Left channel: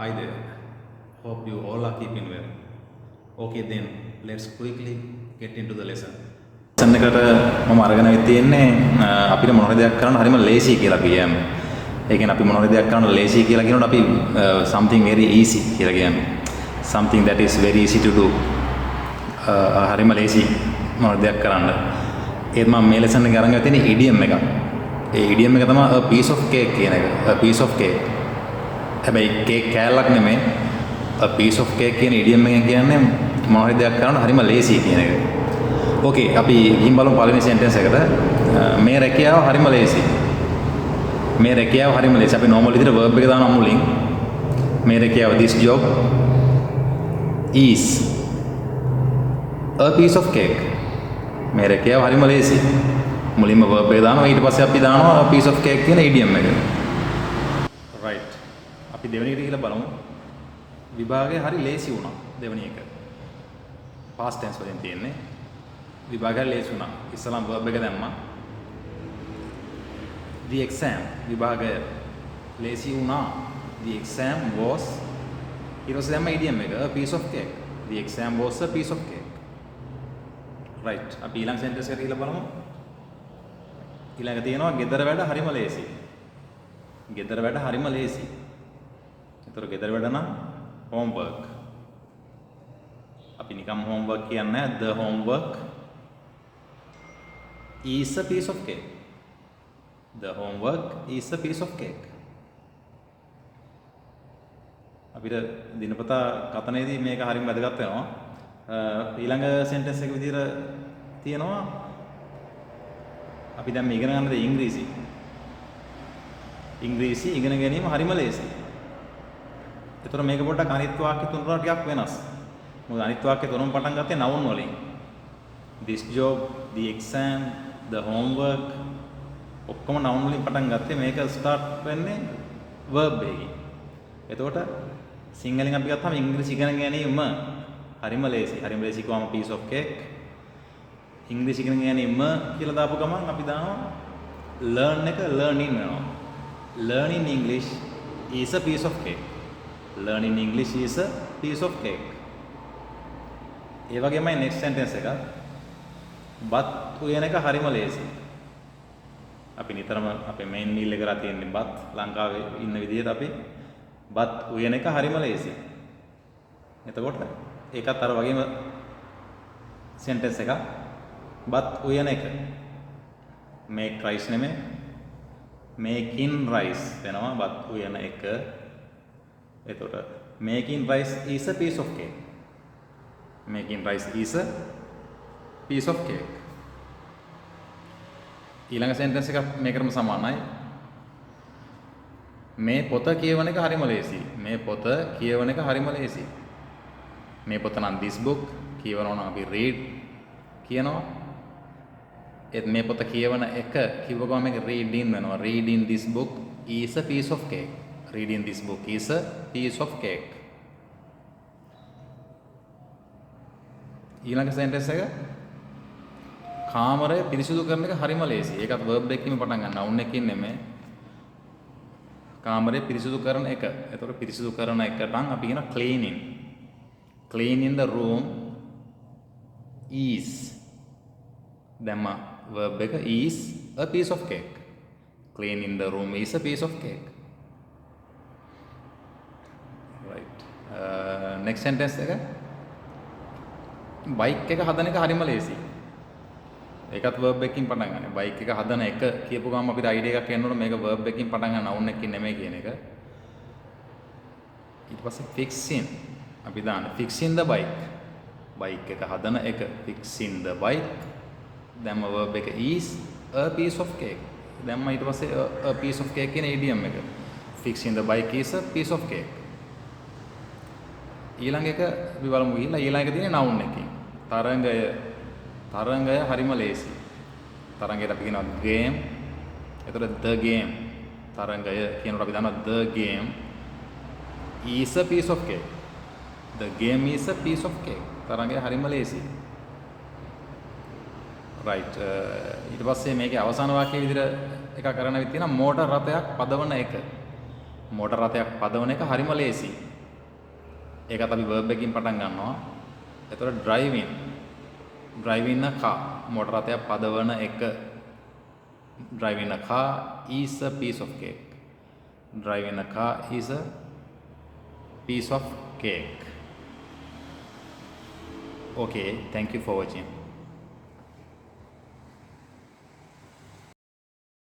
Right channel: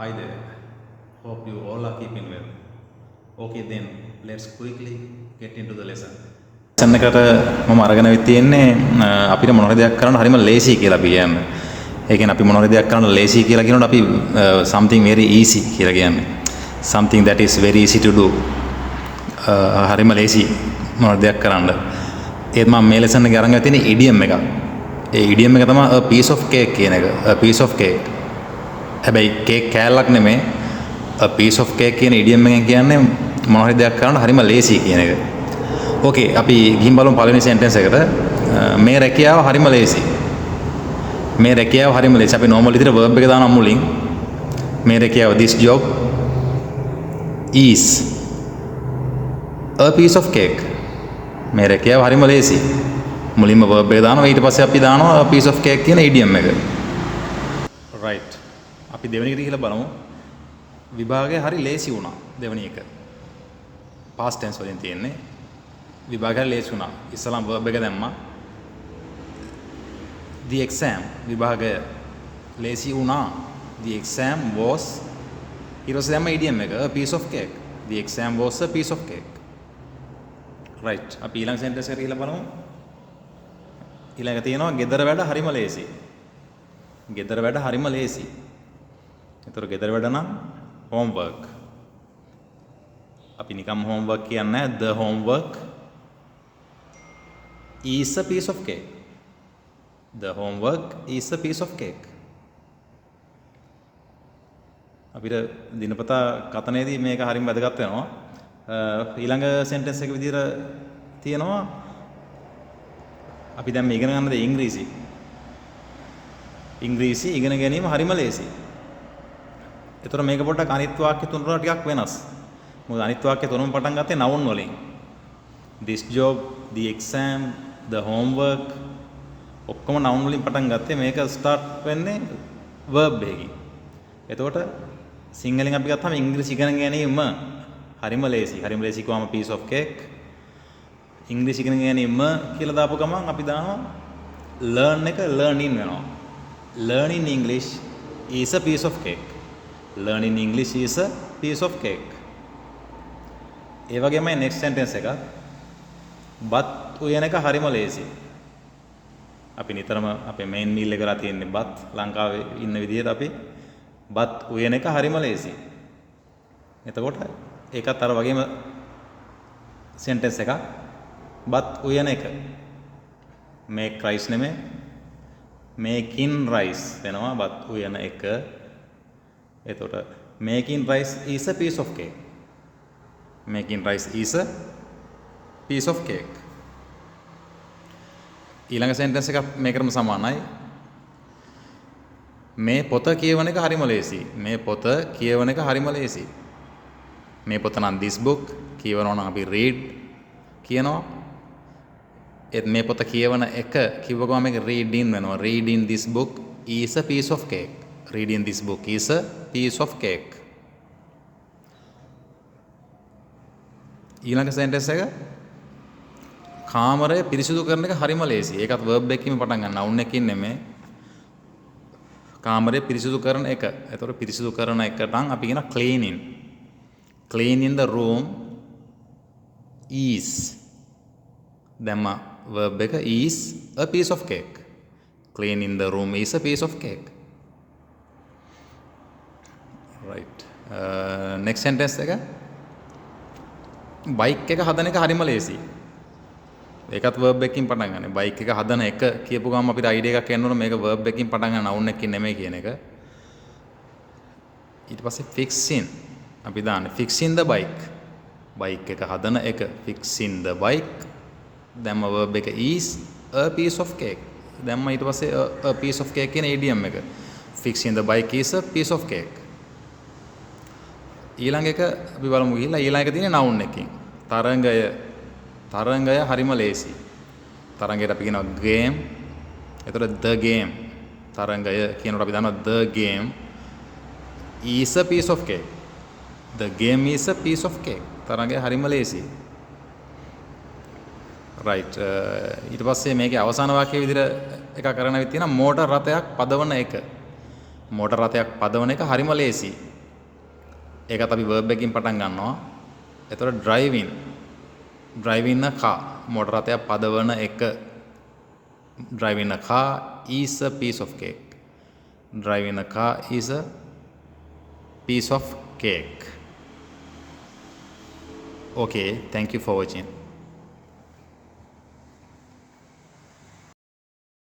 Hi there. Hope you all are keeping well. Okay, then let's quickly get into the lesson. lesson එකට මම අරගෙන ආවි තියෙන්නේ අපිට මොන හරි දෙයක් කරන්න හරිම ලේසි කියලා අපි කියන්නේ. ඒ කියන්නේ අපි මොන හරි දෙයක් කරන්න ලේසි කියලා කියනකොට අපි something very easy කියලා කියන්නේ. Something that is very easy to do. හරිම ලේසි මොන හරි දෙයක් කරන්න. ඒත් මම මේ lesson එකේ අරන් ආවි තියෙන්නේ idiom එක. ඒ idiom එක තමයි a piece of cake කියන එක. A piece of cake. හැබැයි කේක් කෑල්ලක් නෙමෙයි a piece of cake කියන idiom එකෙන් කියන්නේ මොන හරි දෙයක් කරන්න හරිම ලේසි කියන එක. ඕකේ අපි ගිහින් බලමු පළවෙනි සෙන්ටෙන්ස් එකට. මේ රැකියාව හරිම ලේසි. මේ රැකියාව හරිම ලේසි. අපි normal විදිහට verb එක දානවා මුලින්. මේ රැකියාව this job is a piece of cake. මේ රැකියාව හරිම ලේසි. මුලින්ම verb එක දානවා ඊට පස්සේ අපි දානවා a piece of cake කියන idiom එක. right. අපි දෙවෙනි එකට ගිහලා බලමු. විභාගය හරි ලේසි වුණා දෙවෙනි එක. past tense වලින් තියෙන්නේ. විභාගය ලේසි වුණා. ඉස්සලම verb එක දැම්මා. The exam විභාගය ලේසි වුණා. The exam was ඊට පස්සේ දැම්මා idiom එක a piece of cake. The exam was a piece of cake. right. අපි ඊළඟ sentence එකට ගිහලා බලමු. ඊළඟ තියෙනවා ගෙදර වැඩ හරිම ලේසි. ගෙදර වැඩ හරිම ලේසි. ඒතර ගෙදර වැඩ නම් homework. අපි නිකම් homework කියන්නේ නැහැ. The homework is a piece of cake. The homework is a piece of cake. අපිට දිනපතා කතනේදී මේක හරිම වැදගත් වෙනවා. ඊළඟ sentence එක විදිහට තියෙනවා අපි දැන් මේ ඉගෙන ගන්නද ඉංග්‍රීසි. ඉංග්‍රීසි ඉගෙන ගැනීම හරිම ලේසි. ඒතර මේක පොඩ්ඩක් අනිත් වාක්‍ය තුන වල ටිකක් වෙනස්. මොකද අනිත් වාක්‍ය තුනම පටන් ගත්තේ noun වලින්. This job, the exam, the homework ඔක්කොම noun වලින් පටන් ගත්තේ මේක start වෙන්නේ verb එකකින්. එතකොට සිංහලෙන් අපි ගත්තාම ඉංග්‍රීසි ඉගෙන ගැනීම හරිම ලේසි. හරිම ලේසි කියවම piece of cake. ඉංග්‍රීසි ඉගෙන ගැනීම කියලා දාපු ගමන් අපි දානවා learn එක learning වෙනවා. Learning English is a piece of cake. Learning English is a piece of cake. ඒ වගේමයි next sentence එක. බත් උයන එක හරිම ලේසි. අපි නිතරම අපේ main meal එක කරලා තියෙන්නේ බත්. ලංකාවේ ඉන්න විදිහට අපි බත් උයන එක හරිම ලේසි. එතකොට ඒකත් අර වගේම sentence එකක්. බත් උයන එක. make rice නෙමෙයි. making rice වෙනවා බත් උයන එක. එතකොට making rice is a piece of cake. Making rice is a piece of cake. ඊළඟ sentence එක මේකටම සමානයි. මේ පොත කියවන එක හරිම ලේසි. මේ පොත කියවන එක හරිම ලේසි. මේ පොත නම් this book කියවනවා නම් අපි read කියනවා. ඒත් මේ පොත කියවන එක කිව්ව ගමන් මේක reading වෙනවා. Reading this book is a piece of cake. Reading this book is a piece of cake. ඊළඟ sentence එක කාමරය පිරිසිදු කරන එක හරිම ලේසි. ඒකත් verb එකකින් පටන් ගන්න. noun එකකින් නෙමෙයි. කාමරය පිරිසිදු කරන එක. ඒතකොට පිරිසිදු කරන එකට නම් අපි කියන cleaning. Cleaning the room is දැම්ම verb එක is a piece of cake. Cleaning the room is a piece of cake. right. next sentence එක බයික් එක හදන එක හරිම ලේසි. ඒකත් verb එකකින් පටන් ගන්න. බයික් එක හදන එක කියපු ගමන් අපිට idea එකක් එන්න ඕන මේක verb එකකින් පටන් ගන්න noun එකකින් නෙමෙයි කියන එක. ඊට පස්සේ fixing අපි දාන්නේ fixing the bike. බයික් එක හදන එක fixing the bike. දැම්ම verb එක is a piece of cake. දැම්ම ඊට පස්සේ a piece of cake කියන idiom එක. Fixing the bike is a piece of cake. ඊළඟ එක අපි බලමු ගිහිල්ලා ඊළඟ එක තියෙන්නේ noun එකකින්. තරංගය හරිම ලේසි. තරංගයට අපි කියනවා game. එතකොට the game. තරංගය කියනකොට අපි දන්නවා the game is a piece of cake. The game is a piece of cake. තරංගය හරිම ලේසි. right. ඊට පස්සේ මේකේ අවසාන වාක්‍යයේ විදිහට එකක් කරන්න වෙත් තියෙනවා මෝටර් රථයක් පදවන එක. මෝටර් රථයක් පදවන එක හරිම ලේසි. ඒකත් අපි verb එකකින් පටන් ගන්නවා. එතකොට driving a car මෝටර් රථයක් පදවන එක. driving a car is a piece of cake. driving a car is a piece of cake. Okay, thank you for watching.